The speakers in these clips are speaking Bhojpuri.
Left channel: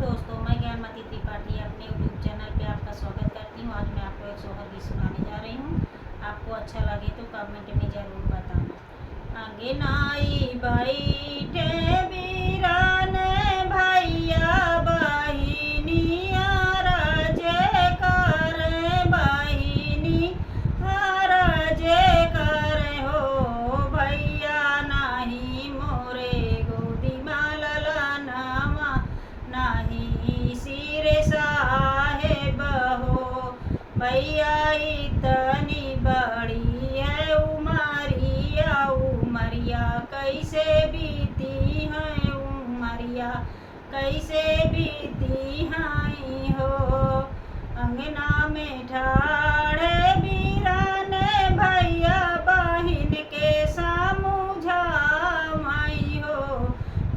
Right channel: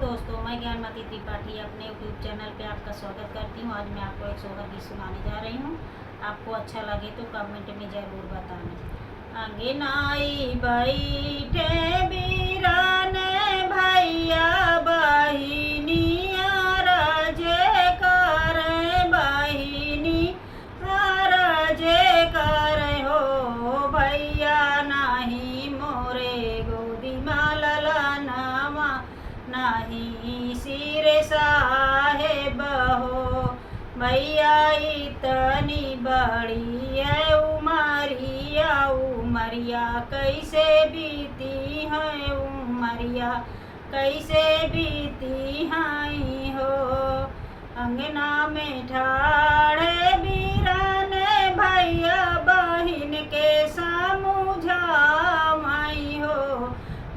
दोस्तों, मैं ज्ञानमती त्रिपाठी अपने यूट्यूब चैनल पे आपका स्वागत करती हूँ। आज मैं आपको एक सोहर गीत सुनाने जा रही हूँ। आपको अच्छा लगे तो कमेंट में ज़रूर बताना। अंगनाई बैठे बीरान भैया बहिनिया राजे कर बहिनी राजे कर हो भैया नहीं मोरे गोदी माललनामा नहीं सिर साहेब हो भैया इतनी बड़ी है उमरिया कैसे बीती है उमरिया कैसे बीती है हो। अंगना में ठाड़े बीरान भैया बहिन के समझाई हो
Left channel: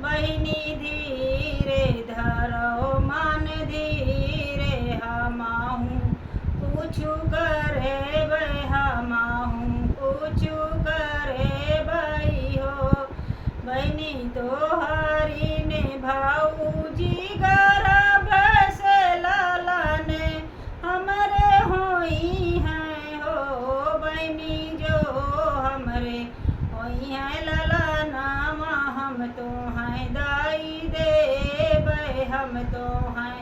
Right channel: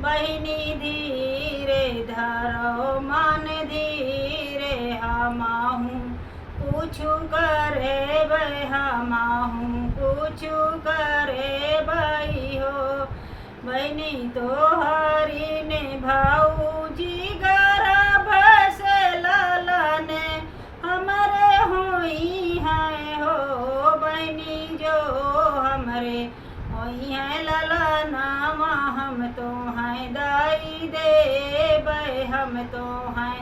बहिनी धीरे धरो मन धीरे हमाहूँ कुछ करे बे हमाहूँ कुछ करे बई हो। बहनी तो हरी ने भाऊजी गर्भ से लालाने हमरे होई है हो बहनी जो हमरे होई है लालानामा हम तो हैं दाई दे बे हम तो हैं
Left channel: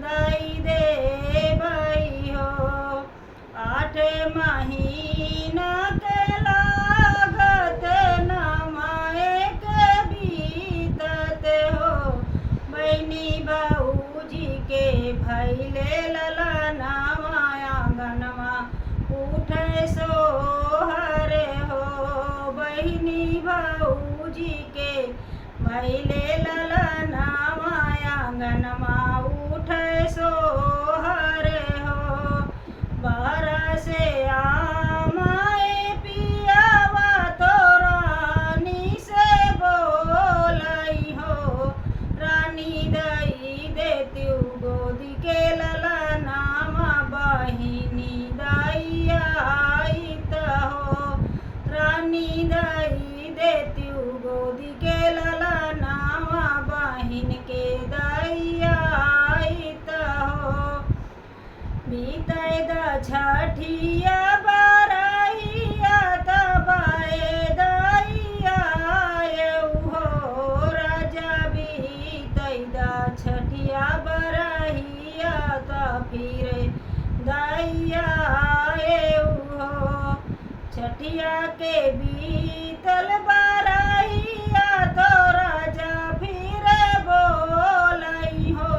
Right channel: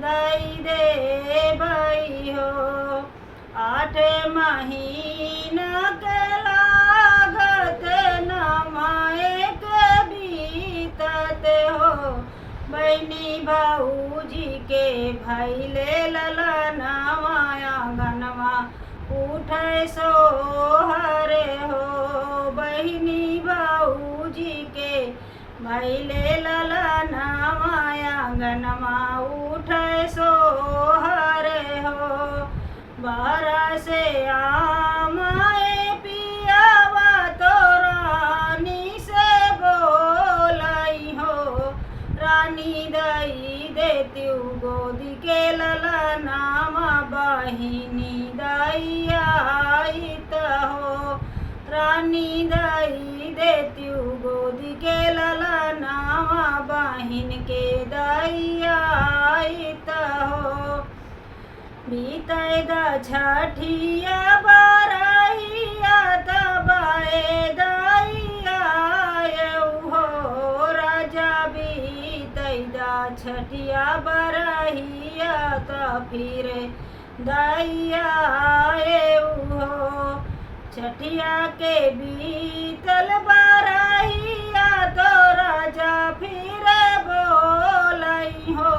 दाई दे बई हो। 8 महीना के लागत नमाए के बीतत हो बहनी भाऊजी के भैले ललनवा आंगनवा उठे सोहर हो बहनी भाऊजी के भैले ललनवा आंगनवा उठे सोहर हो। बाहर से आमाए पियावा तो रानी से बोलाई हो रानी दई देती गोदी के ललनामा बहिनी दई आइत हो रानी दई देती गोदी के ललनामा बहिन के दई आइत हो। बीते द छठिया बरहिया तबाए दैया हो राजा बीते द छठिया बरहिया त फिर दैया हो छठिया के बीतल बरहिया तो राजा फिर बोलई हो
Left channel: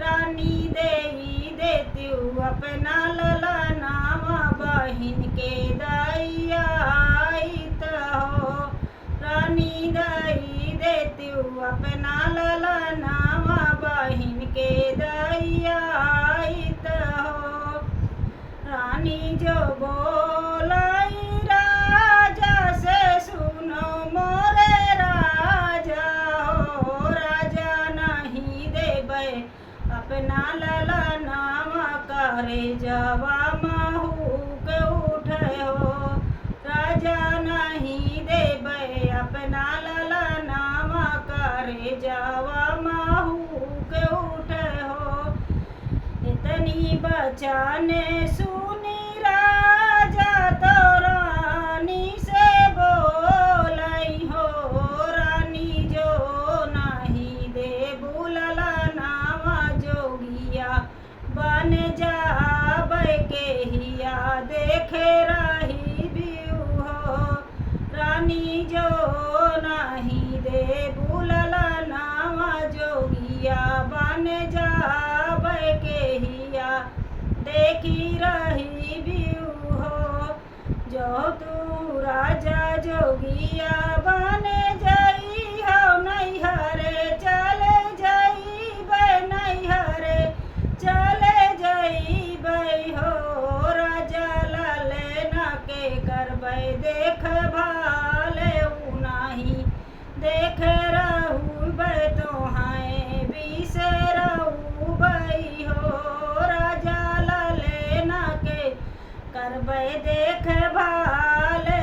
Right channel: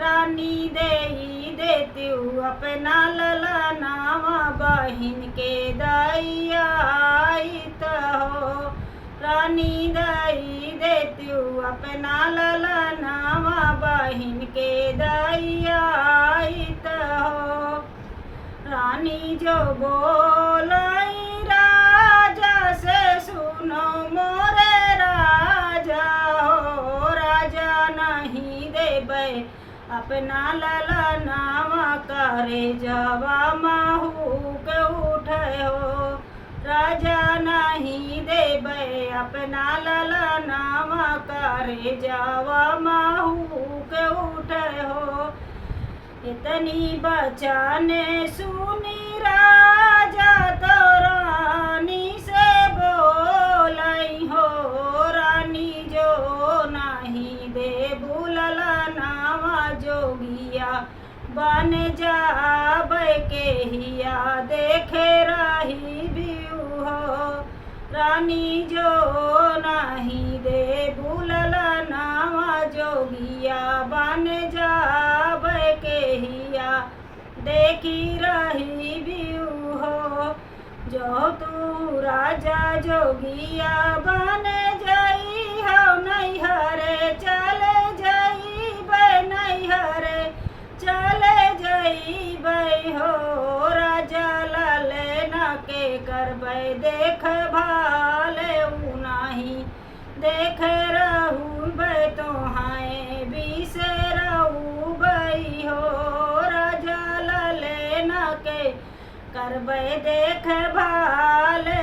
रानी देई देती अपना ललनावा बहिन के दैया आइत हो रानी दई देती अपना ललनावा बहिन के दैया आइत हो। रानी जो बोलाई राजा से सुनो मोरे राजा हो राजा नहीं देबे अपना ललनावा करे जवा महूक उठे हो राजा नहीं देबे अपना ललनावा करे जवा महूक उठे हो। इतनी बचाने सुनी राजा तो रानी से बोलई हो रानी जो नहीं दे बुललनावा जोगिया बन जाबे के हिया देखे रही बियू हो रानी जो नहीं दे बुललनावा जोगिया बन जाबे के हिया देखी रही बियू हो। जो तू राजा जोगिया बन जाई हो नैहरे चले जाई बे नैहरे चले जाई बे हो राजा लाले ना के करबे देख भाले नहीं देख रहू बे तो हाय बिसरऊ बई हो राजा लाले ना के करबे देख भाले